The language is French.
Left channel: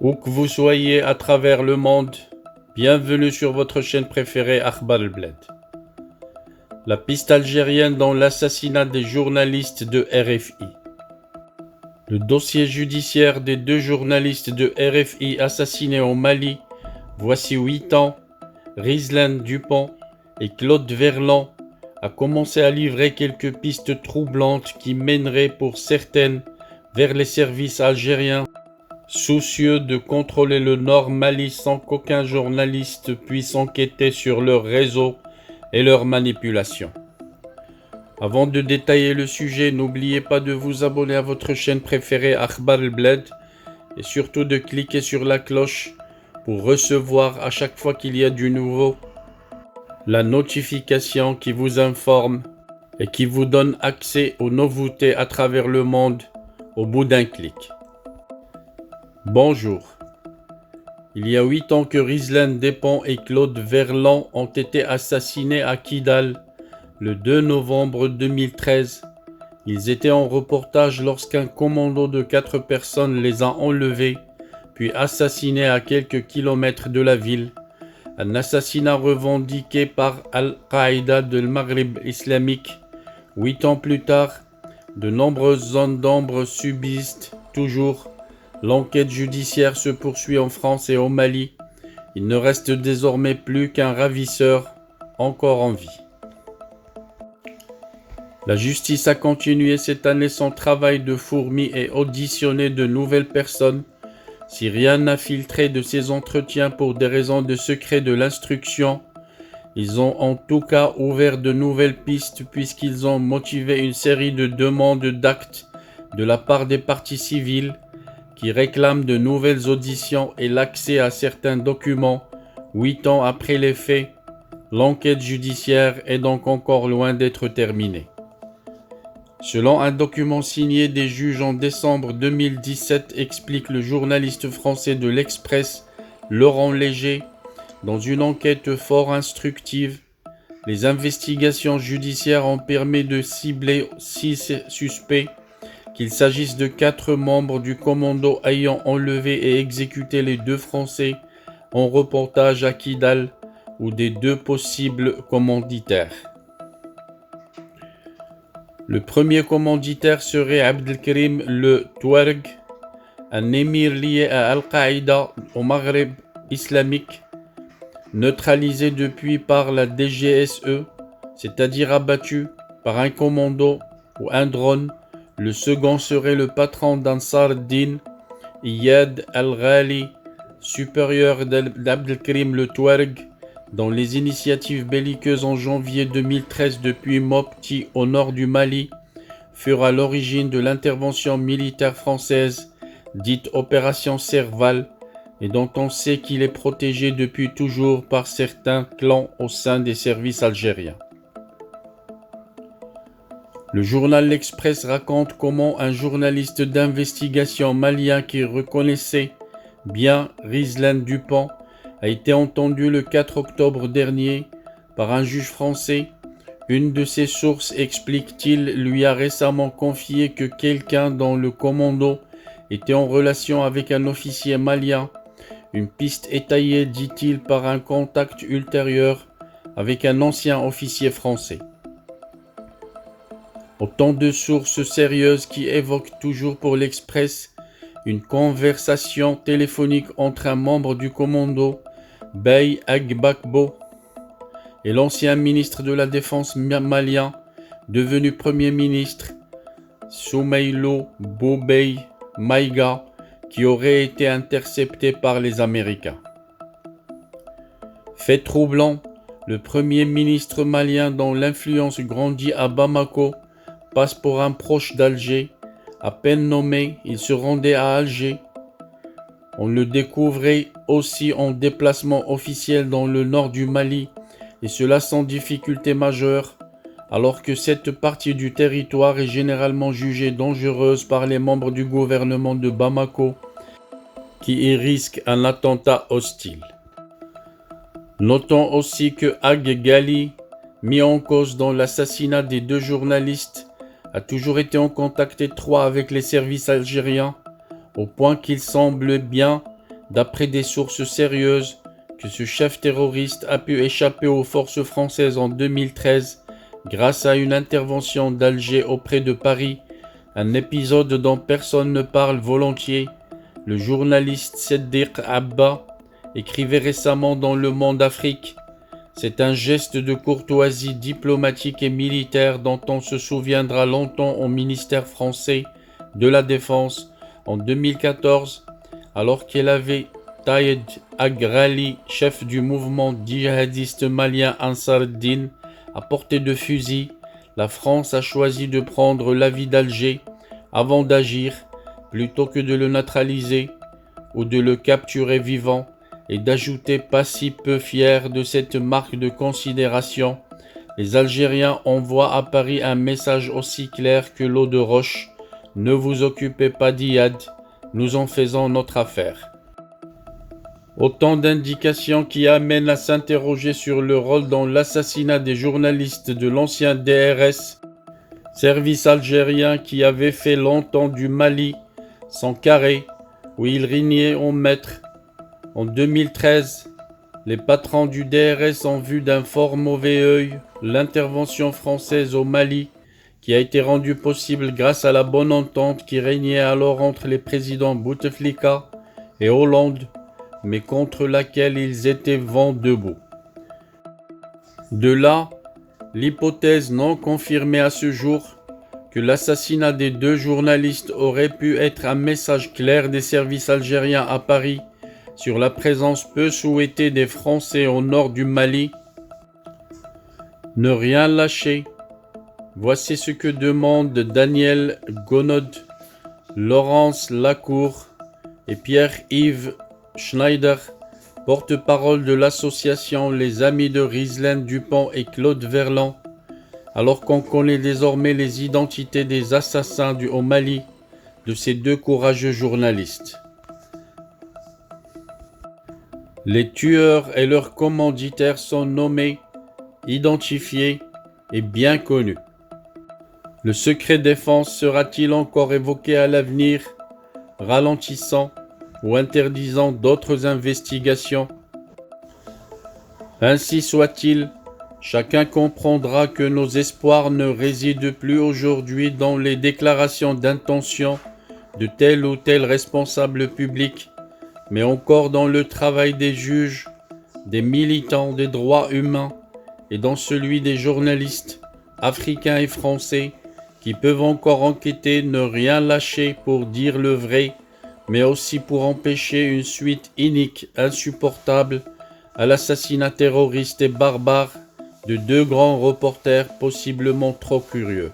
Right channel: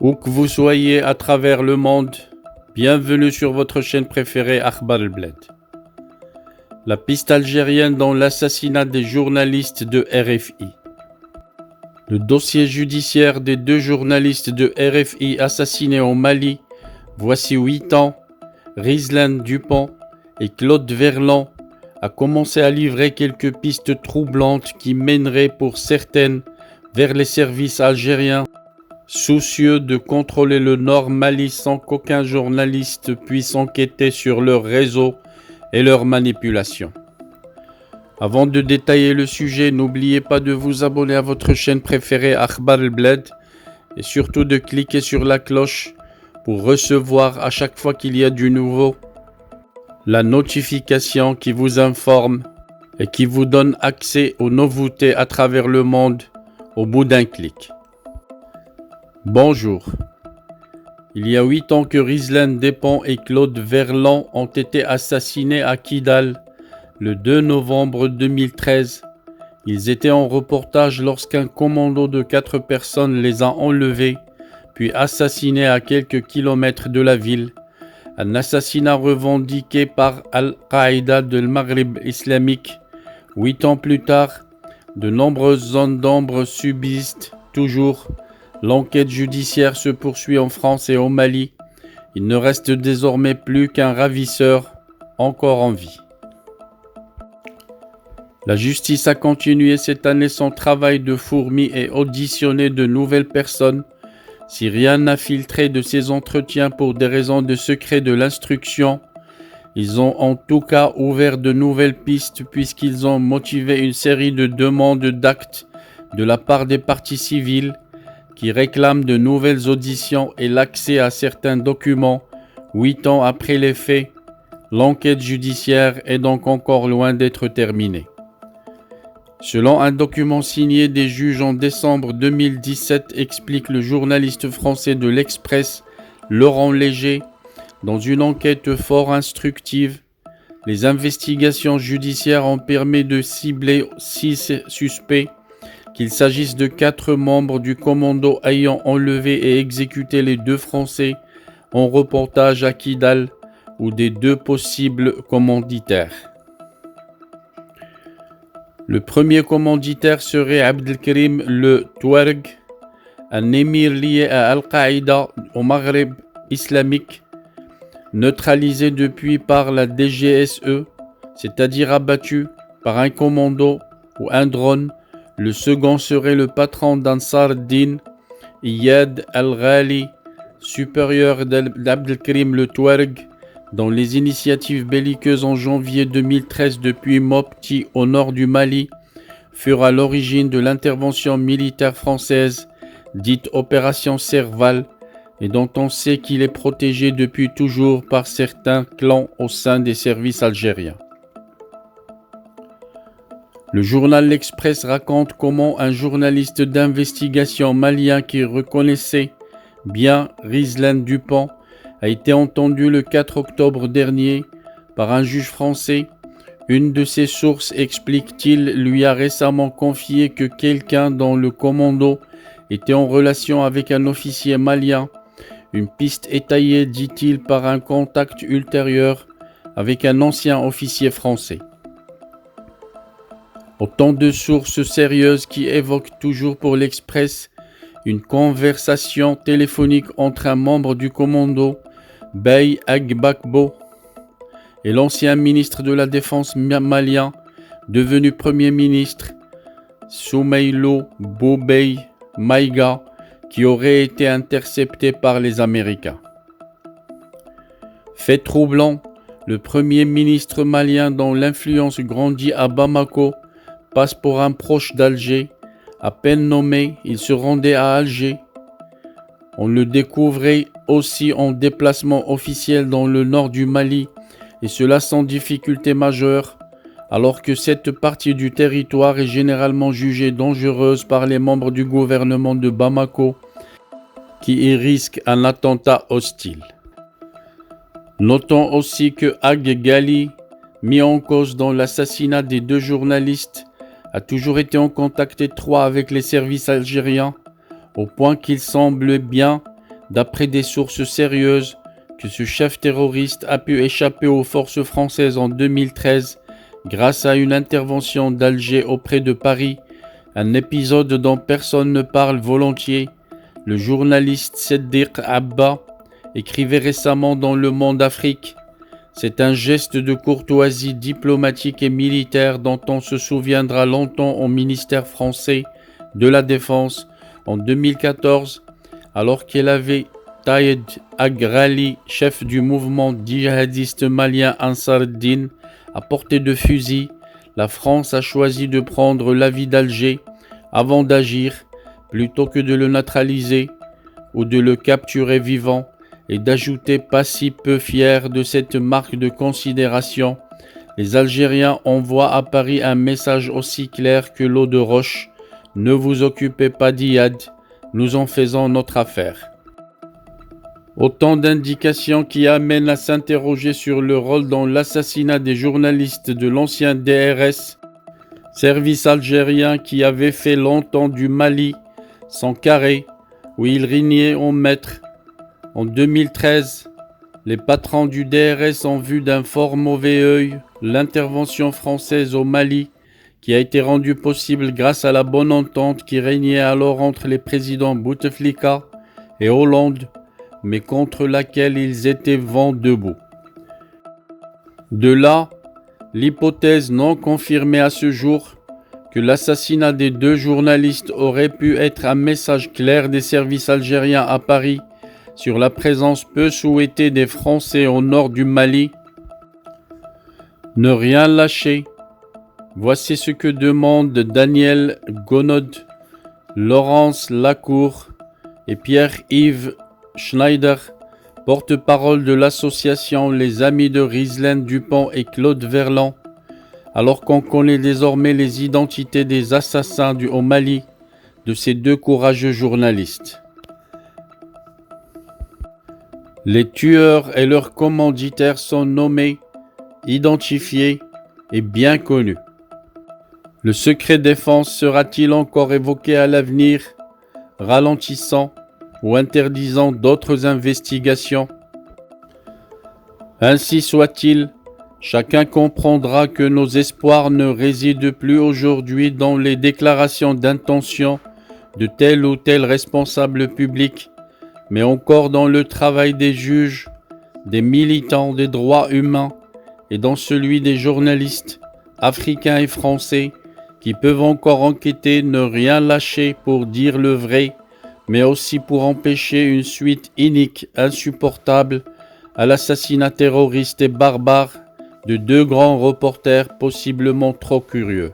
Où que vous soyez à travers le monde, bienvenue sur votre chaîne préférée Akhbar el-Bled. La piste algérienne dans l'assassinat des journalistes de RFI. Le dossier judiciaire des 2 journalistes de RFI assassinés au Mali, voici 8 ans, Rizlan Dupont et Claude Verlan, a commencé à livrer quelques pistes troublantes qui mèneraient pour certaines vers les services algériens, soucieux de contrôler le Nord Mali sans qu'aucun journaliste puisse enquêter sur leur réseau et leurs manipulations. Avant de détailler le sujet, n'oubliez pas de vous abonner à votre chaîne préférée Akhbar el-Bled et surtout de cliquer sur la cloche pour recevoir à chaque fois qu'il y a du nouveau la notification qui vous informe et qui vous donne accès aux nouveautés à travers le monde au bout d'un clic. Bonjour. Il y a 8 ans que Rizlan Dupont et Claude Verlan ont été assassinés à Kidal le 2 novembre 2013. Ils étaient en reportage lorsqu'un commando de 4 personnes les a enlevés, puis assassinés à quelques kilomètres de la ville. Un assassinat revendiqué par Al-Qaïda de Maghreb islamique. 8 ans plus tard, de nombreuses zones d'ombre subsistent toujours. L'enquête judiciaire se poursuit en France et au Mali. Il ne reste désormais plus qu'un ravisseur encore en vie. La justice a continué cette année son travail de fourmi et auditionné de nouvelles personnes. Si rien n'a filtré de ces entretiens pour des raisons de secret de l'instruction, ils ont en tout cas ouvert de nouvelles pistes puisqu'ils ont motivé une série de demandes d'actes de la part des parties civiles qui réclament de nouvelles auditions et l'accès à certains documents. 8 ans après les faits, l'enquête judiciaire est donc encore loin d'être terminée. Selon un document signé des juges en décembre 2017, explique le journaliste français de l'Express, Laurent Léger, dans une enquête fort instructive, les investigations judiciaires ont permis de cibler 6 suspects, qu'il s'agisse de 4 membres du commando ayant enlevé et exécuté les 2 Français en reportage à Kidal ou des 2 possibles commanditaires. Le premier commanditaire serait Abdelkrim le Touareg, un émir lié à Al-Qaïda au Maghreb islamique, neutralisé depuis par la DGSE, c'est-à-dire abattu par un commando ou un drone. Le second serait le patron d'Ansar Din, Iyad al-Ghali, supérieur d'Abdelkrim le Touareg, dans les initiatives belliqueuses en janvier 2013 depuis Mopti au nord du Mali, furent à l'origine de l'intervention militaire française, dite Opération Serval, et dont on sait qu'il est protégé depuis toujours par certains clans au sein des services algériens. Le journal L'Express raconte comment un journaliste d'investigation malien qui reconnaissait bien Rizlan Dupont a été entendu le 4 octobre dernier par un juge français. Une de ses sources, explique-t-il, lui a récemment confié que quelqu'un dans le commando était en relation avec un officier malien. Une piste étayée, dit-il, par un contact ultérieur avec un ancien officier français. Autant de sources sérieuses qui évoquent toujours pour l'Express une conversation téléphonique entre un membre du commando, Bey Agbakbo, et l'ancien ministre de la Défense malien, devenu Premier ministre, Soumeïlo Boubey Maïga, qui aurait été intercepté par les Américains. Fait troublant, le Premier ministre malien dont l'influence grandit à Bamako passe pour un proche d'Alger. À peine nommé, il se rendait à Alger. On le découvrait aussi en déplacement officiel dans le nord du Mali, et cela sans difficulté majeure, alors que cette partie du territoire est généralement jugée dangereuse par les membres du gouvernement de Bamako, qui y risquent un attentat hostile. Notons aussi que Ag Ghali, mis en cause dans l'assassinat des 2 journalistes, a toujours été en contact étroit avec les services algériens, au point qu'il semble bien d'après des sources sérieuses, que ce chef terroriste a pu échapper aux forces françaises en 2013 grâce à une intervention d'Alger auprès de Paris, un épisode dont personne ne parle volontiers. Le journaliste Seddiq Abba écrivait récemment dans Le Monde Afrique: c'est un geste de courtoisie diplomatique et militaire dont on se souviendra longtemps au ministère français de la Défense en 2014, alors qu'il avait Taïd Agrali, chef du mouvement djihadiste malien Ansar Din, à portée de fusil. La France a choisi de prendre l'avis d'Alger avant d'agir, plutôt que de le neutraliser ou de le capturer vivant, et d'ajouter pas si peu fier de cette marque de considération. Les Algériens envoient à Paris un message aussi clair que l'eau de roche: ne vous occupez pas d'Iyad, nous en faisons notre affaire. Autant d'indications qui amènent à s'interroger sur le rôle dans l'assassinat des journalistes de l'ancien DRS, service algérien qui avait fait longtemps du Mali son carré où il régnait en maître. En 2013, les patrons du DRS ont vu d'un fort mauvais œil l'intervention française au Mali, qui a été rendue possible grâce à la bonne entente qui régnait alors entre les présidents Bouteflika et Hollande, mais contre laquelle ils étaient vent debout. De là, l'hypothèse non confirmée à ce jour que l'assassinat des deux journalistes aurait pu être un message clair des services algériens à Paris sur la présence peu souhaitée des Français au nord du Mali. Ne rien lâcher. Voici ce que demandent Daniel Gonod, Laurence Lacour et Pierre-Yves Schneider, porte-parole de l'association Les Amis de Ghislaine Dupont et Claude Verlan, alors qu'on connaît désormais les identités des assassins au Mali de ces deux courageux journalistes. Les tueurs et leurs commanditaires sont nommés, identifiés et bien connus. Le secret défense sera-t-il encore évoqué à l'avenir, ralentissant ou interdisant d'autres investigations? Ainsi soit-il, chacun comprendra que nos espoirs ne résident plus aujourd'hui dans les déclarations d'intention de tel ou tel responsable public, mais encore dans le travail des juges, des militants des droits humains et dans celui des journalistes, africains et français, qui peuvent encore enquêter, ne rien lâcher pour dire le vrai, mais aussi pour empêcher une suite inique, insupportable, à l'assassinat terroriste et barbare de deux grands reporters possiblement trop curieux.